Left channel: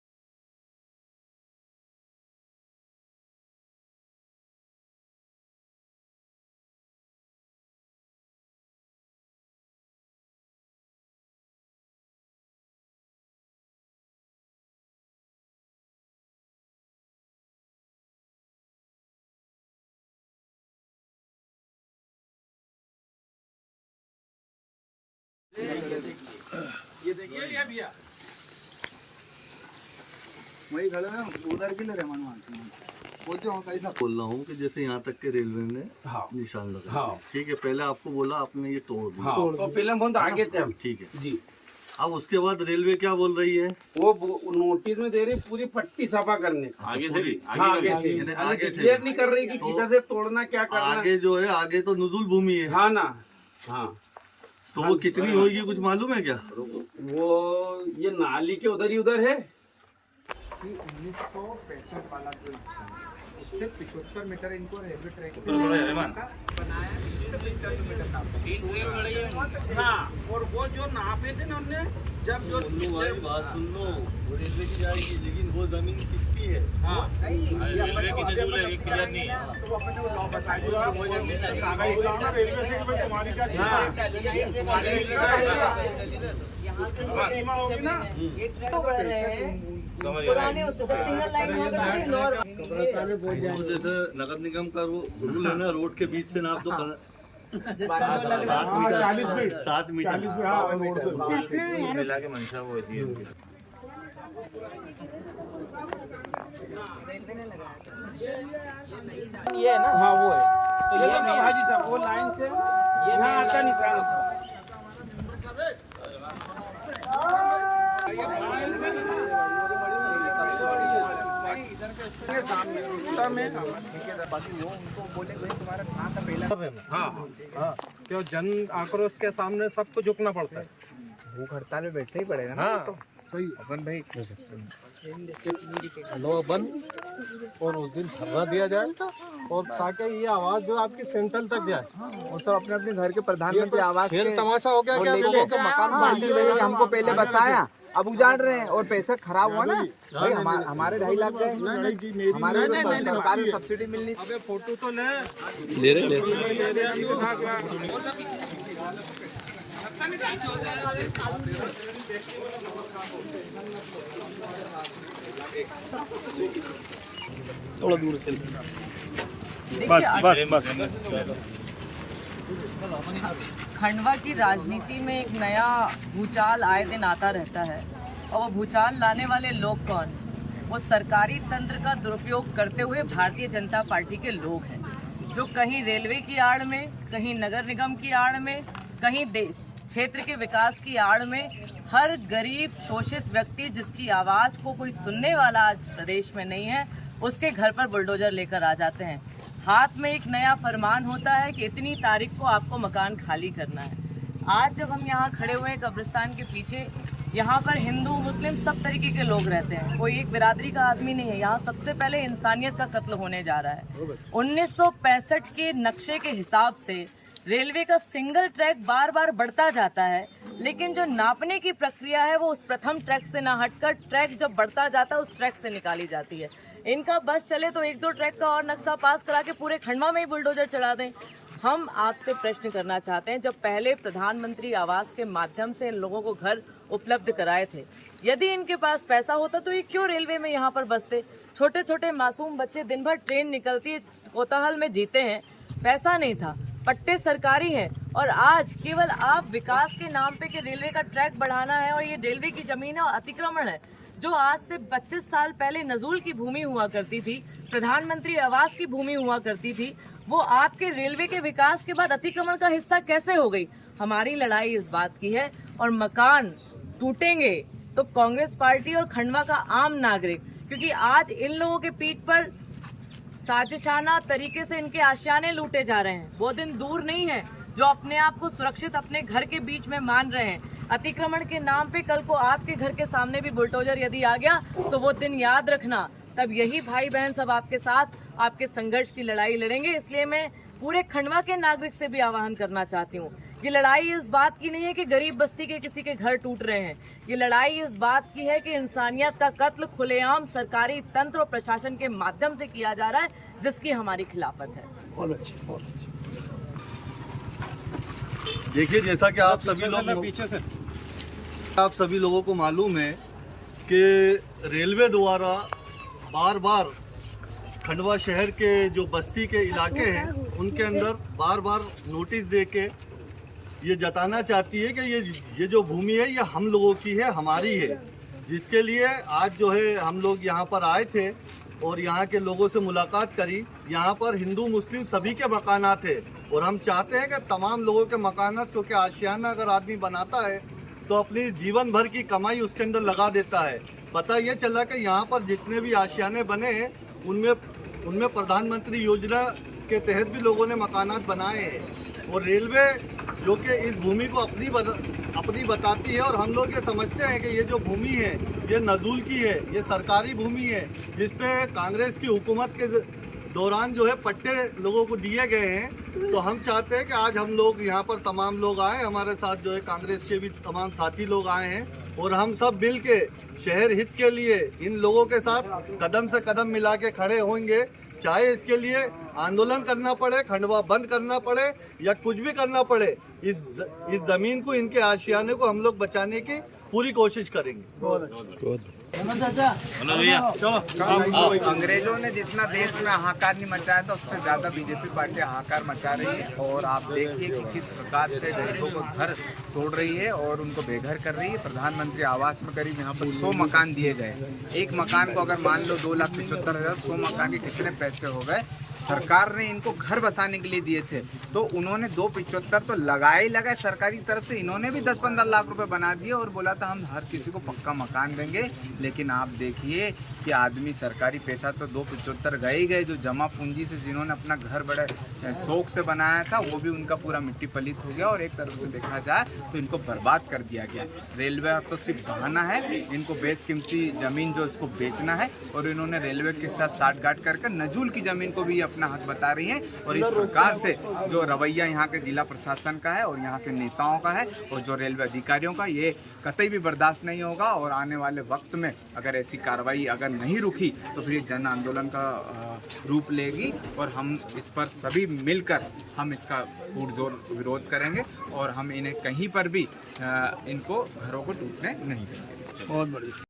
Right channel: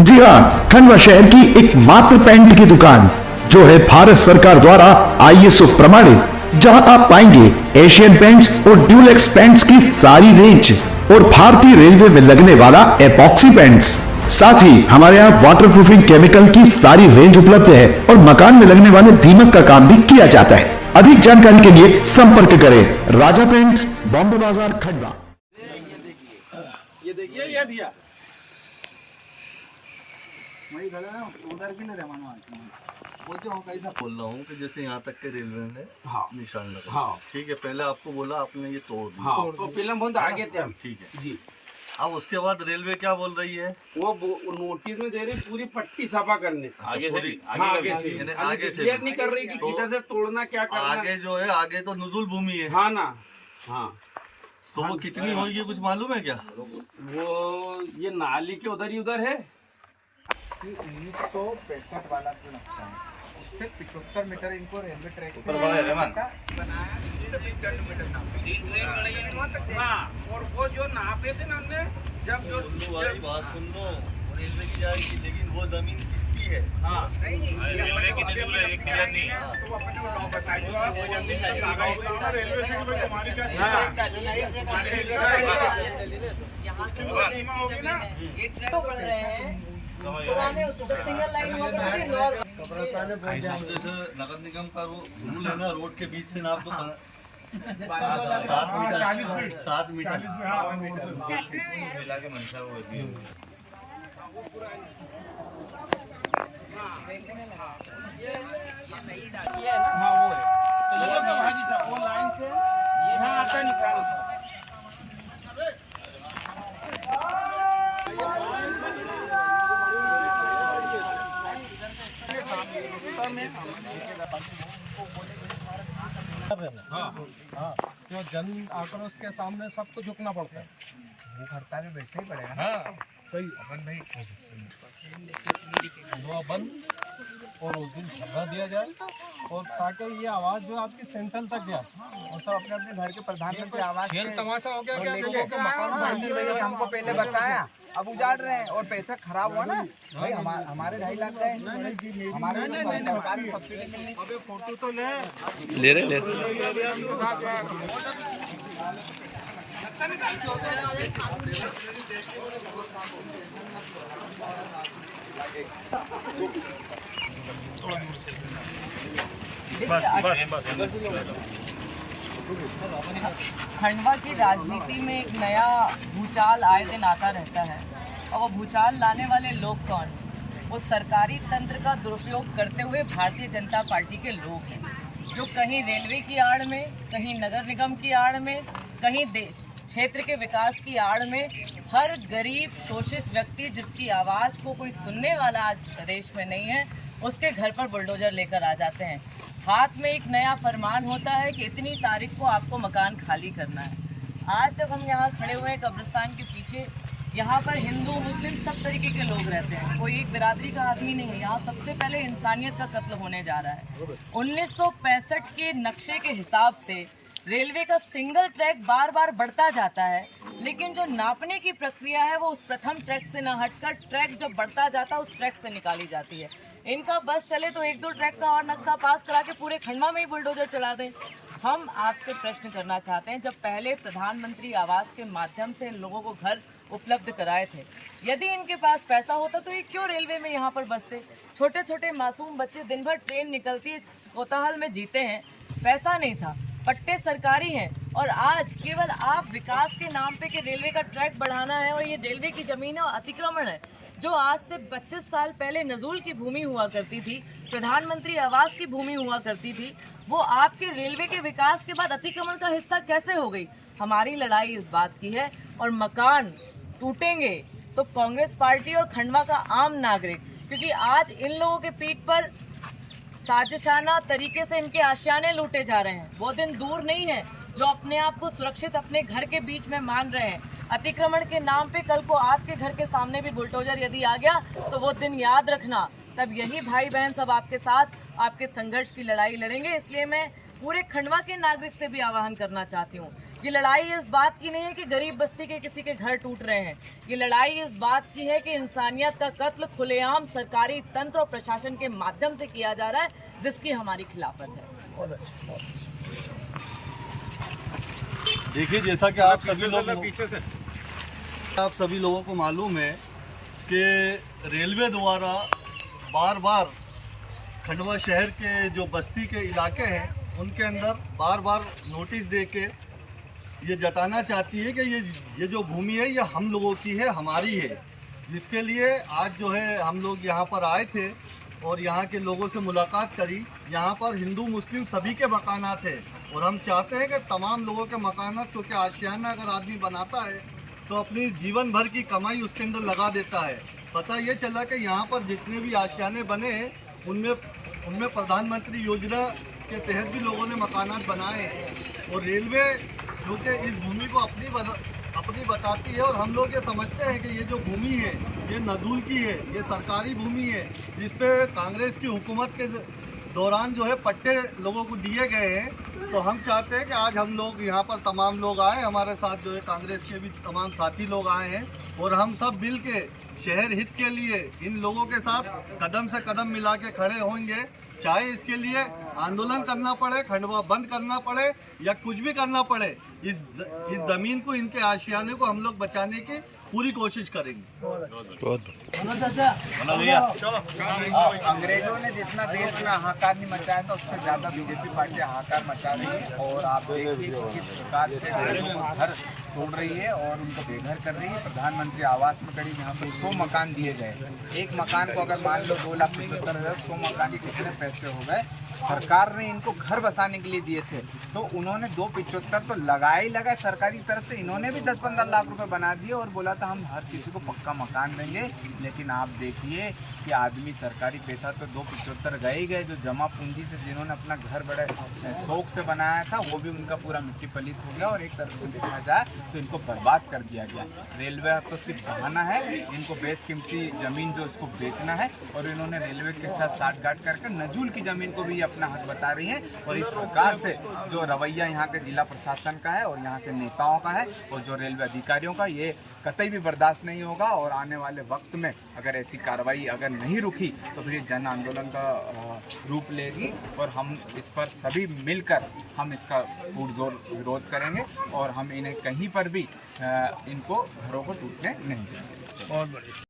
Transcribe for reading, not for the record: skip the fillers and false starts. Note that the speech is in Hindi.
जी हाँ, खंडवा शहर की एकमात्र पेंट की दुकान जो है भारत सरकार द्वारा ISO प्रमाणित, जहां आप पाएंगे एशियन पेंट्स और ड्यूलेक्स पेंट्स की सारी रेंज और भारतीय रेलवे में लगने वाला एपॉक्सी पेंट्स। साथ ही हमारे यहाँ वाटरप्रूफिंग केमिकल की सारी रेंज उपलब्ध है और मकान में लगने वाले दीमक का काम भी किया जाता है। अधिक जानकारी के लिए संपर्क करें राजा पेंट्स, बॉम्बे बाजार, खंडवा। ये देखिए ये भैया वही खड़ा है, उधर के लिए रहमान कैसा बोल रहा हूँ कि जैसे यहाँ तक के रेलवे ने निशान लगा। हाँ ठीक है, पहले आपको बोला, आपने ये तोड़ दिया। हाँ तो फिल्म बहुत आगे थे हम। ठीक है जी। अब उसके बाद रेलवे क्या बोल रही है? वो नोटिस में दे रही पूरी पट्टी सफा करने आगे से भी आगे से क्लियर नहीं कर रही कि किधर से तोड़ना, क्या करना। आगे जो है, आगे तो नुजुल भूमि है। हाँ ना, हाँ तो वो कितनी होगी कुछ मालूम है क्या? वो ये नाली के उधर ही उधर है। 1965 वाला जो नक्शा है उससे 75 मीटर इनको रेलवे ट्रैक बनाया बनाया, 95 मीटर नापे। हाँ, और वो जो नापे थे ना हमने, जब जो भाई बात सुन लो, वो रेलवे की जाएगी, लेकिन वो जमीन किसकी है? हाँ रेलवे की नजूल है, क्लियर नहीं है। तो अपने लॉ बताइए तो बढ़ रहे हैं पुराने उससे जब सिंगल लाइन हुआ करती थी नॉर्मल। जैसे नगर निगम का रूल है ना, रोड के बीच से नाप दो 7 मीटर मिला के मंशा होती है। ये ना, हाँ वो है। तो ये ना हाजी साहब, वो लाइन से यहाँ आता निकाल। हाँ, क्यों जन आक्रोश के सामने सबको झुकना पड़ता है। भूख हड़ताल में बैठना ही पड़ेगा ना। हाँ, सही अपन भाई हेलो बंद, और उस दिन धरना दिया जाए और ताकि ये आवाज जो आपकी सेंट्रल तक जाए, और सब अपने अपने घर के प्रधानमंत्री आवाज। खेल तमाशा हो गया क्या? लोगों के मकान बांधने लगे, हमको पहले बचाया, अब उजाड़ रहे हैं और पैसा खराब हुआ ना भाई। हमारे 2.5 लाख गए, हमारे सरकार में सब्सिडी मिलनी। अबे फोटो तो ले रहे थोड़ा दूर से खंडवा की राजनीति में एक नया भूचाल आए दिन आता रहता है, और वो भूचाल लाने वाले लोग कौन? वो सरकारी तंत्र का दुरुपयोग करते हुए भारतीय जनता पार्टी के लोग हैं, जो कहीं रेलवे की आड़ में, कहीं नगर निगम की आड़ में, कहीं क्षेत्र के विकास की आड़ में हर गरीब शोषित व्यक्ति जिसकी आवाज़ को कोई सुनने वाला आज प्रदेश में नहीं है, उसके घर पर बुलडोजर लेकर आ जाते हैं। हाथ में एक नया फरमान होता है कि इतनी तारीख को आपको मकान खाली करना है। आज जब हम यहाँ खड़े हुए हैं कब्रिस्तान के पीछे, यहाँ पर हिंदू मुस्लिम सब तरीके के लोग रहते हैं, कोई एक बिरादरी का आदमी नहीं है। यहाँ सबसे पहले इंसानियत का कत्ल होने जा रहा है। 1965 के नक्शे के हिसाब से रेलवे का सिंगल ट्रैक बार बार बढ़ता जाता है, लेकिन जो नापने की प्रक्रिया है वो उस प्रथम ट्रैक से ना हटकर ट्रैक जब बढ़ता जाता है उस ट्रैक से निकाली जाती है। इनका बस चले तो 1-2 ट्रैक का और नक्शा पास करा के पूरे खंडवा में ही बुलडोजर चला दें। हम आपसे प्रश्न करना चाहते हैं, जब पहले प्रधानमंत्री आवास के माध्यम से इन लोगों को घर उपलब्ध कराए थे, यदि इनके पास पैसा होता तो ये क्यों रेलवे में यहाँ पर बसते? छोटे छोटे मासूम बच्चे दिन भर ट्रेन निकलती है, कोताहल में जीते हैं, पैसा नहीं था, पट्टे सरकारी हैं, और आज केवल आप विकास के नाम पे कि रेलवे का ट्रैक बढ़ाना है और ये रेलवे की जमीन है और अतिक्रमण है, जो आज से 25 साल पहले नजूल की भूमि हुआ करती थी, प्रधानमंत्री आवास की भूमि हुआ करती थी, वो आपके रेलवे के विकास के बाद अतिक्रमण का हिस्सा कैसे हो गई? हमारी लड़ाई इस बात की है, और मकान टूटेंगे तो कांग्रेस पार्टी और खंडवा का आम नागरिक, क्योंकि आज इन लोगों के पीठ पर साजिशाना तरीके से इनके आशियाने लूटे जा रहे हैं। वो दिन दूर नहीं है जो अपने आप को सुरक्षित अपने घर के बीच में मान रहे हैं। अतिक्रमण के नाम पे कल को आपके घर के सामने भी बुलडोजर यदि आ गया तो वो दिन याद रखना, तब यही भाई बहन सब आपके साथ आपके संघर्ष की लड़ाई लड़ेंगे। इसलिए मैं पूरे खंडवा के नागरिक से भी आह्वान करना चाहती हूँ ये लड़ाई इस बात की नहीं है कि गरीब बस्ती के किसी के घर टूट रहे हैं। ये लड़ाई इस बात की है कि इंसानियत का कत्ल खुलेआम सरकारी तंत्र और प्रशासन के माध्यम से किया जा रहा है, जिसकी हमारी खिलाफत है। देखिए, जैसा कि आप सभी लोगों को मालूम है कि रेलवे द्वारा बार बार खंडवा शहर के जो बस्ती के इलाके हैं उनके अंदर बार बार नोटिस दे के ये जताना चाहती है कि ये जो भूमि है ये हम लोगों की है, हमारी है। जिसके लिए आज जो है हम लोग यहाँ पर आए थे और यहाँ के लोगों से मुलाकात करी। यहाँ पर हिंदू मुस्लिम सभी के मकानात है और हम चाहते हैं कि तमाम लोगों के मकानात, क्योंकि आशियाना अगर आदमी बनाता है तो अपनी जीवन भर की कमाई उसके अंदर लगा देता है। पता ये चला कि यहाँ पर जितने भी आशियाने बने हैं उनमें प्रधानमंत्री योजना के तहत भी लोगों ने मकानात बनाए हैं। और रेलवे जो कि इस भूमि को अपनी बताती है और हम लोग ये समझते हैं कि ये जो भूमि है ये नजूल की है, ये सरकारी भूमि है, जिस पे कांग्रेस की हुकूमत के दौरान जो है पट्टे लोगों को दिए गए हैं। तो हम चाहते हैं कि आज हम लोग यहाँ पर तमाम लोग आए, हमारे साथ जो है कांग्रेस के भी तमाम साथी लोग आए हैं और हम सब मिल के शहर हित के लिए इन लोगों के साथ कदम से कदम मिला के खड़े होंगे। चाहे इसके लिए आंदोलन करना पड़े, खंडवा बंद करना पड़े या कुछ भी करना पड़े, इस ज़मीन को, इनके आशियाने को हम लोग बचाने की पूरी कोशिश करेंगे। अंग्रेजों ने जितना देश में हाहाकार नहीं मचाया था उससे ज़्यादा बीजेपी पार्टी हाहाकार मचा रही है। और आप देखिए कि किस प्रकार से गरीबों को घर तोड़ रही है और उनको बेघर कर रही है। प्रधानमंत्री आवास में करीब यहाँ पर 100 मकान दिए गए। एक मकान को अगर मान लो 2,75,000, 100 मकान के कितने पैसे हो गए। सरकार ने इनको घर बसाने के लिए दिए थे तो उन्होंने 2,75 तो लगाए सरकारी तरफ से। इन्होंने भी 10-15 लाख रुपए बना दिए और बोला था हम हर किसी को पक्का मकान देंगे। लेकिन आप देखिए कि आदमी सरकारी पैसा तो 2,75 गए ही गए। जो जमा पूंजी से जिन्होंने अपना घर बड़े शौक से बनाया था वो भी उनका पूरा मिट्टी पलीत हो गया और एक तरफ से देखा जाए तो इनको बर्बाद कर दिया गया। रेलवे तो सिर्फ बहाना है, इनको बेशकीमती ज़मीन जो इसको बेचना है और इन्होंने रेलवे के साथ साठगांठ करके नजूल की ज़मीन को भी अपना हक बता रही हैं। और इस प्रकार से जो रवैया यहाँ के जिला प्रशासन का है और यहाँ के नेताओं का है और जो रेलवे अधिकारियों का, ये कतई भी बर्दाश्त नहीं होगा। और आने वाले वक्त में अगर ऐसी कार्रवाई अगर नहीं रुकी तो फिर जन आंदोलन का रूप लेगी और हम इस पर सभी मिलकर हम इसका पुरजोर विरोध करेंगे और हम इन्हें कहीं पर भी इनको घरों को टूटने नहीं देंगे। बहुत बढ़िया।